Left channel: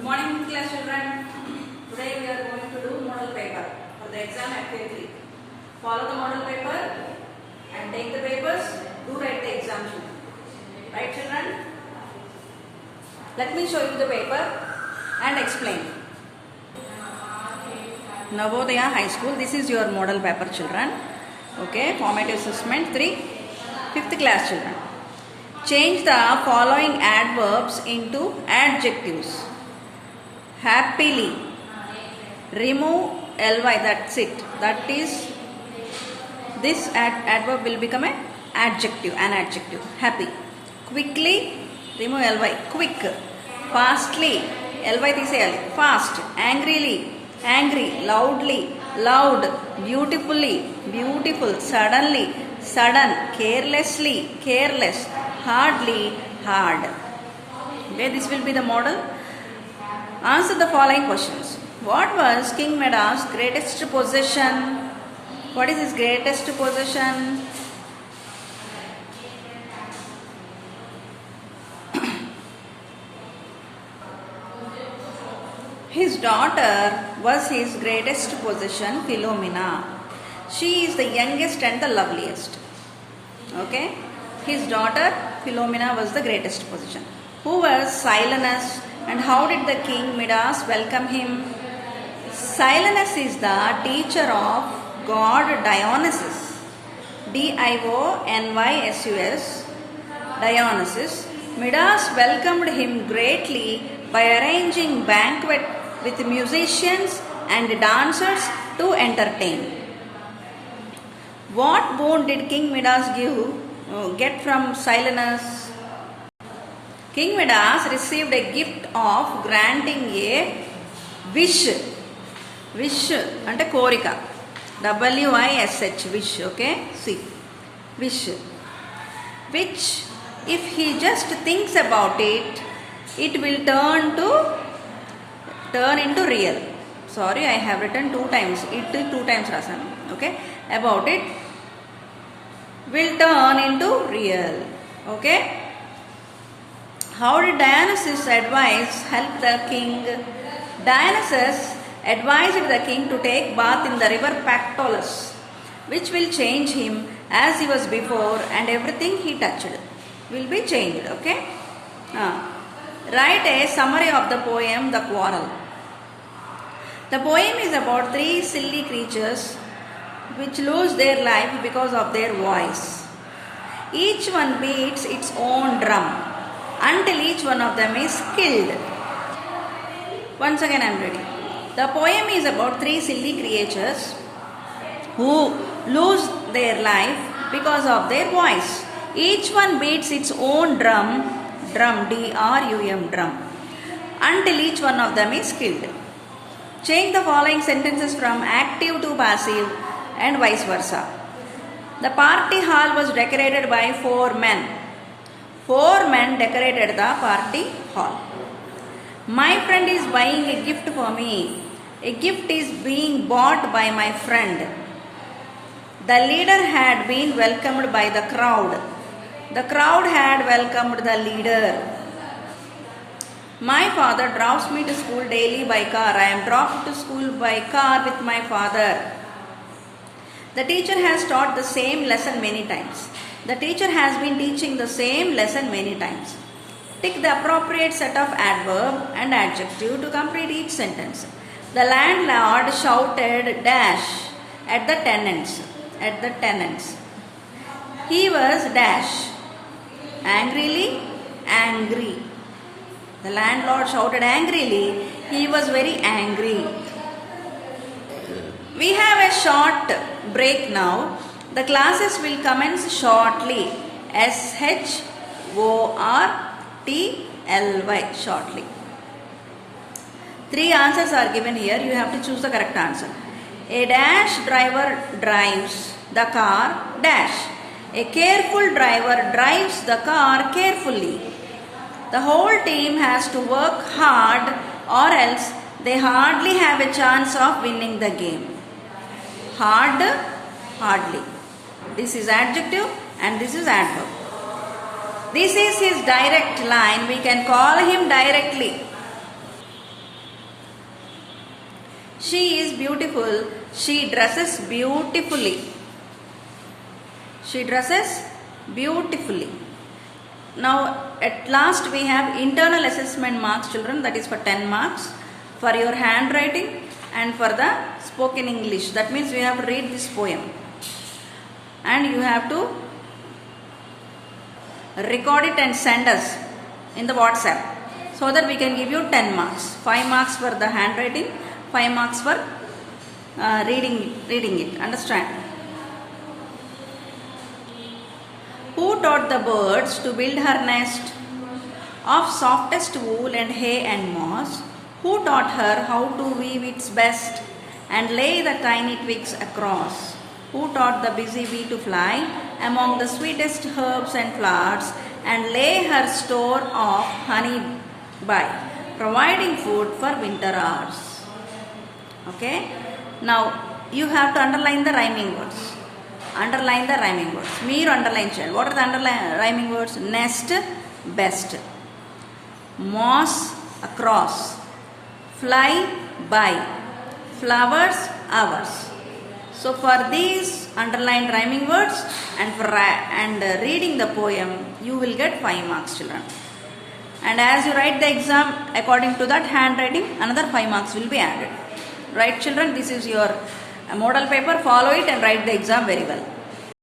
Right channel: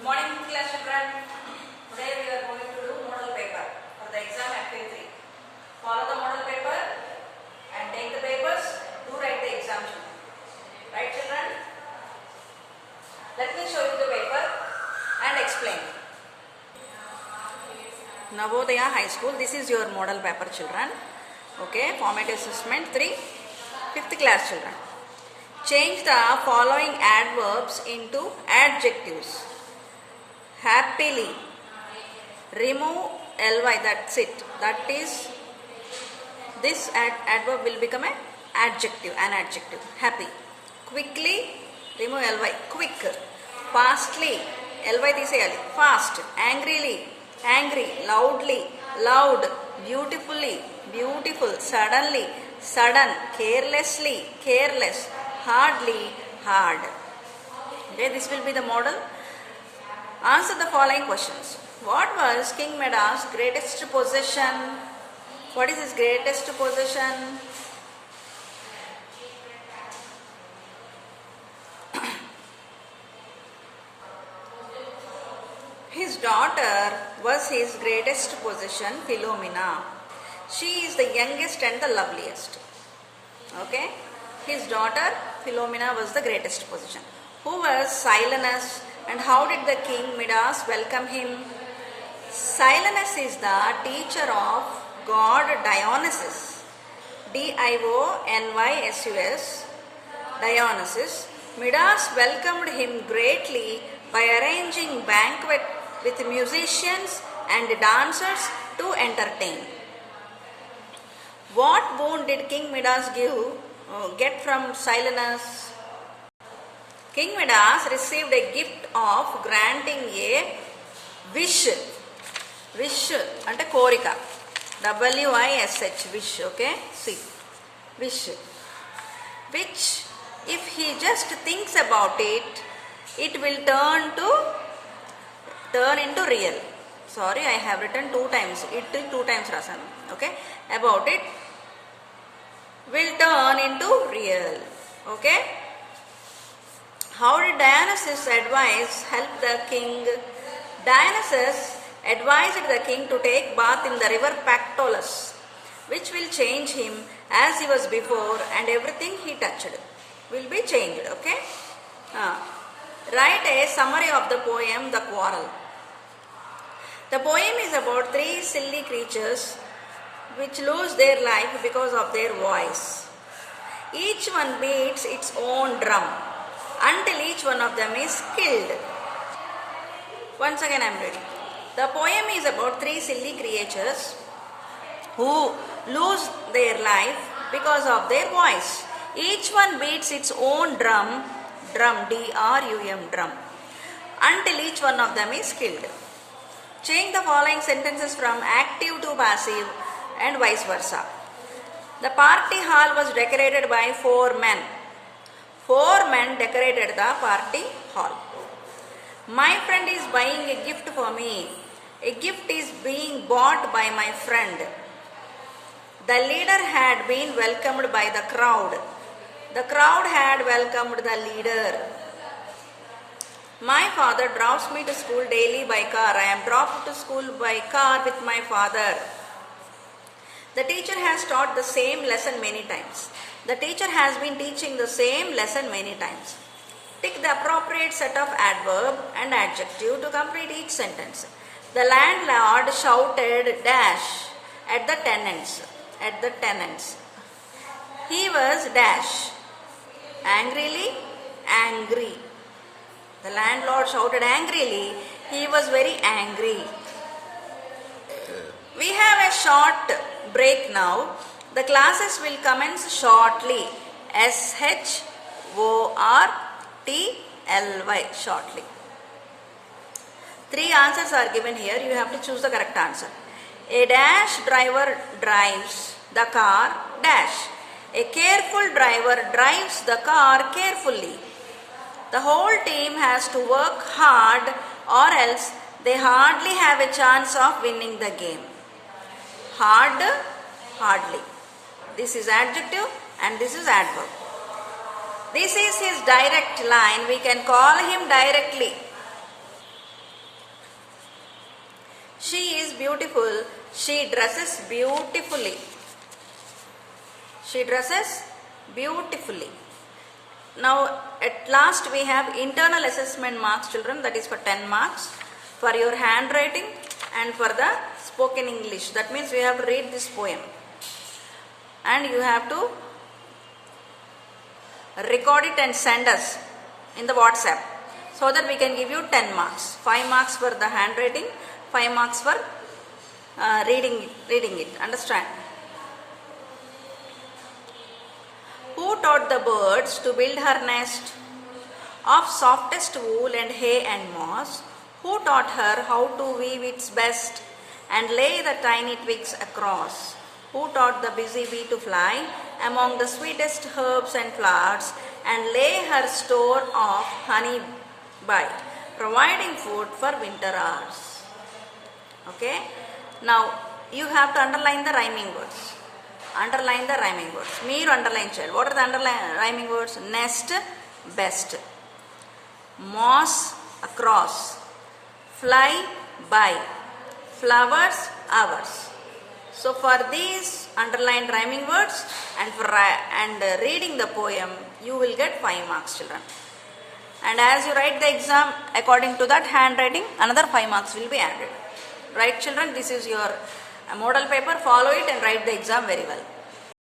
Good morning, class children. Today we are going to do model paper for the exam FA3. Follow the model paper and take the papers. Do write the exam sheet. Right, children? Let me show you the paper and explain. Navodaya High School. This is your model paper, children. Okay. Formative assessment 3. 5th class children. Change the following adverbs into adjectives. Happily. Remove ly, that's it. That is, this adverb will become an adjective. Happy. Quickly. Remove ly. Quick. Fastly. ly తీసేయాలి. Fast. Angrily. Angry. Loudly. Loud. Beautifully. Beautiful. Suddenly. Sudden. Carelessly. Careless. Hardly. Hard. Okay, this will be the model. Answer the following questions. What was King Meda's greatest possession? What is his greatest possession? His daughter was his greatest possession, Philomena. She is the youngest and the loveliest. Okay? His daughter, Philomena, was the greatest possession. Who was Silenus and how did the King Midas welcome him? Silenus is the teacher of god Dionysus. Dionysus. Dionysus. Midas welcomed him greatly by arranging banquet with musicians and dancers to entertain. What boon did King Midas get from Silenus? King Midas received a gift of granting a wish. Wish ante korika. WISH. Wish. Okay. See. Wish. Which, if he just thinks about it, it will turn into real. Sorry, I have written 2 times. It 2 times rasan. Okay. About it will turn into real. Okay. How did Dionysus advise help the king? Dionysus advised the king to take bath in the river Pactolus, which will change him as he was before, and everything he touched will be changed. Okay? Write a summary of the poem The Quarrel. The poem is about 3 silly creatures which lose their life because of their voice. Each one beats its own drum until each one of them is killed. Once again I am reading. The poem is about 3 silly creatures who lose their life because of their voice. Each one beats its own drum, D-R-U-M, drum, until each one of them is killed. Change the following sentences from active to passive and vice versa. The party hall was decorated by 4 men. 4 men decorated the party hall. My friend is buying a gift for me. A gift is being bought by my friend. The leader had been welcomed by the crowd. The crowd had welcomed the leader. My father drives me to school daily by car. I am dropped to school by car with my father. The teacher has taught the same lesson many times. The teacher has been teaching the same lesson many times. Tick the appropriate set of adverb and adjective to complete each sentence. The landlord shouted dash at the tenants. He was dash. Angrily, angry. The landlord shouted angrily. He was very angry. We have a short break now. The classes will commence shortly. SHORTLY. Shortly. 3 answers are given here. You have to choose the correct answer. A dash driver drives the car dash. A careful driver drives the car carefully. The whole team has to work hard or else they hardly have a chance of winning the game. Hard, hardly. This is adjective and this is adverb. This is his direct line. We can call him directly. She is beautiful. She dresses beautifully. She dresses beautifully. Now at last we have internal assessment marks, children, that is for 10 marks for your handwriting and for the spoken English. That means you have to read this poem and you have to record it and send us in the WhatsApp so that we can give you 10 marks. 5 marks for the handwriting, 5 marks for reading it. Understand? Who taught the birds to build her nest of softest wool and hay and moss? Who taught her how to weave its best and lay the tiny twigs across? Who taught the busy bee to fly among the sweetest herbs and flowers and lay her store of honey by providing food for winter hours? Okay. Now you have to underline the rhyming words. Underline the rhyming words. Meer underline child. What are the rhyming words? Nest, best. Moss, across. Fly, by. Flowers, hours. So for these underlined rhyming words and reading the poem, you will get 5 marks, children. And as you write the exam, according to that handwriting, another 5 marks will be added. Right, children? This is your model paper. Follow it and write the exam very well.